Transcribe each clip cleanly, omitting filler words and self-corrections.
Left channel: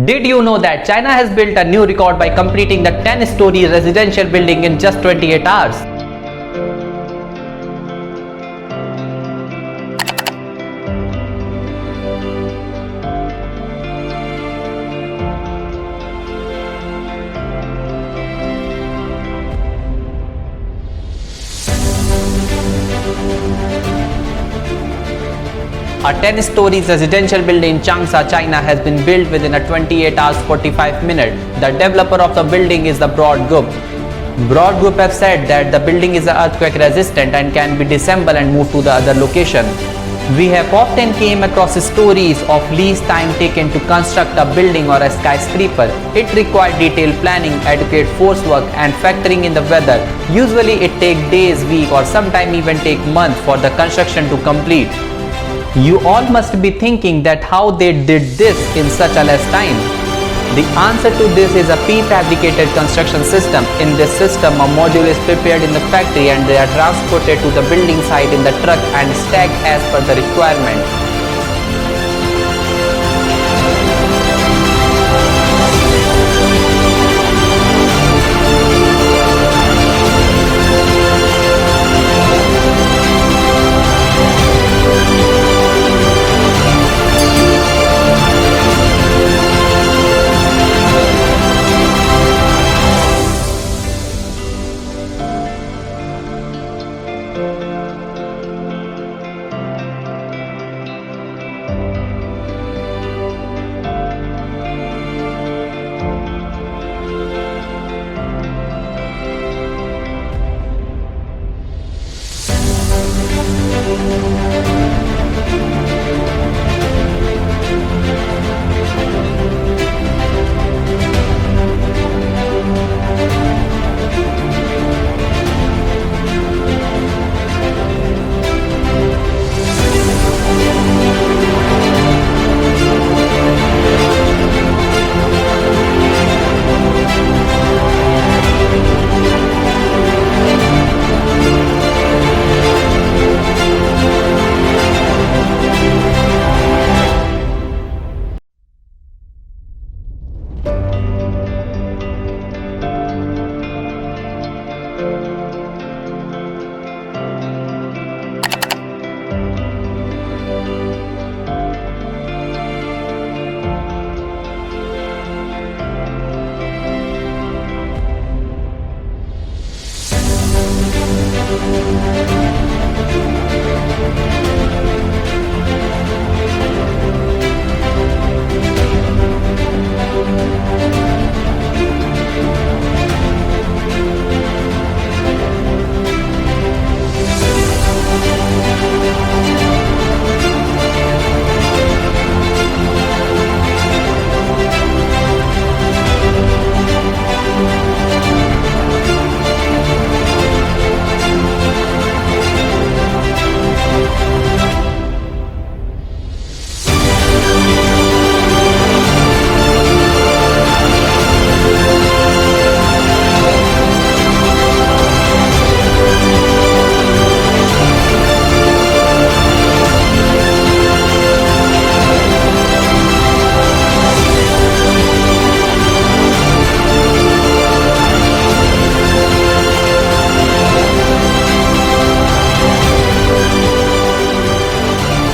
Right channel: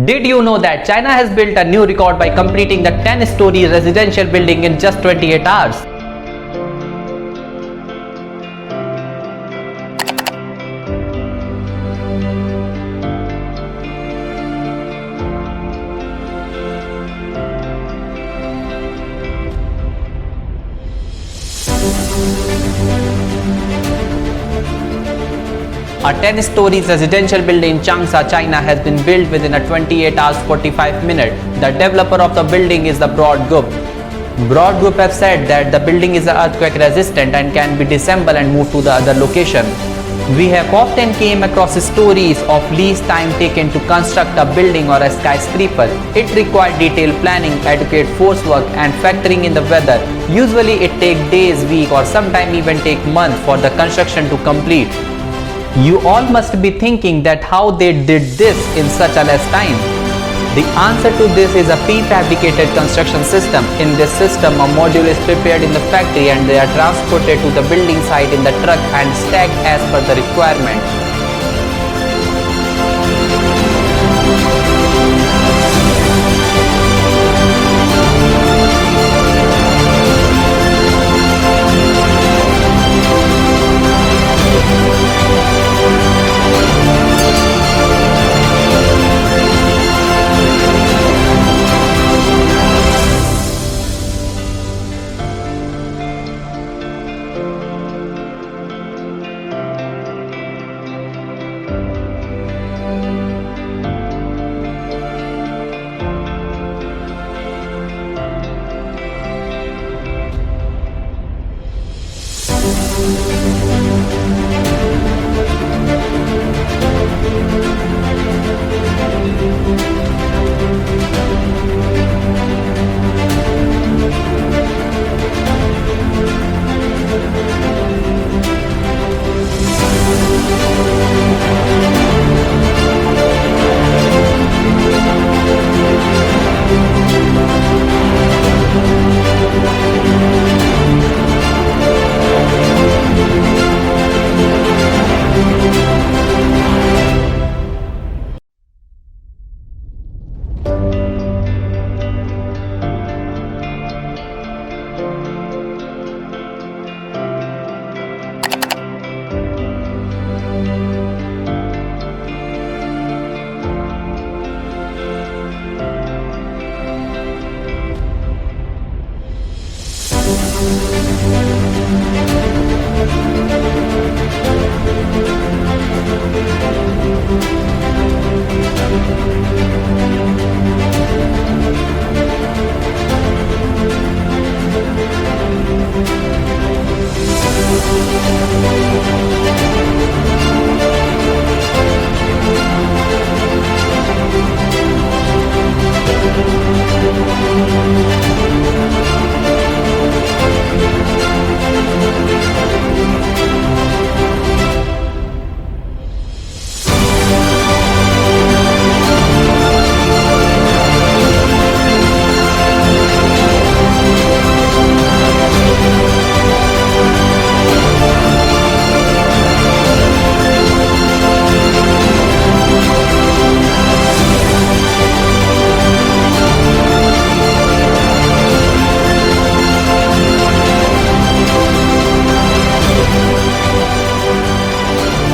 Did you know that China has built a new record by completing the 10-story residential building in just 28 hours? A 10-story residential building in Changsha, China has been built within a 28 hours 45 minutes. The developer of the building is the Broad Group. Broad Group have said that the building is earthquake resistant and can be disassembled and moved to the other location. We have often came across stories of least time taken to construct a building or a skyscraper. It required detailed planning, adequate force work and factoring in the weather. Usually it takes days, weeks or sometimes even take months for the construction to complete. You all must be thinking that how they did this in such a less time. The answer to this is a prefabricated construction system. In this system, a module is prepared in the factory and they are transported to the building site in the truck and stacked as per the requirement.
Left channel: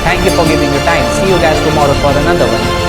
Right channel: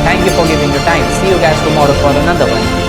Thank you for giving your time. See you guys tomorrow for another one.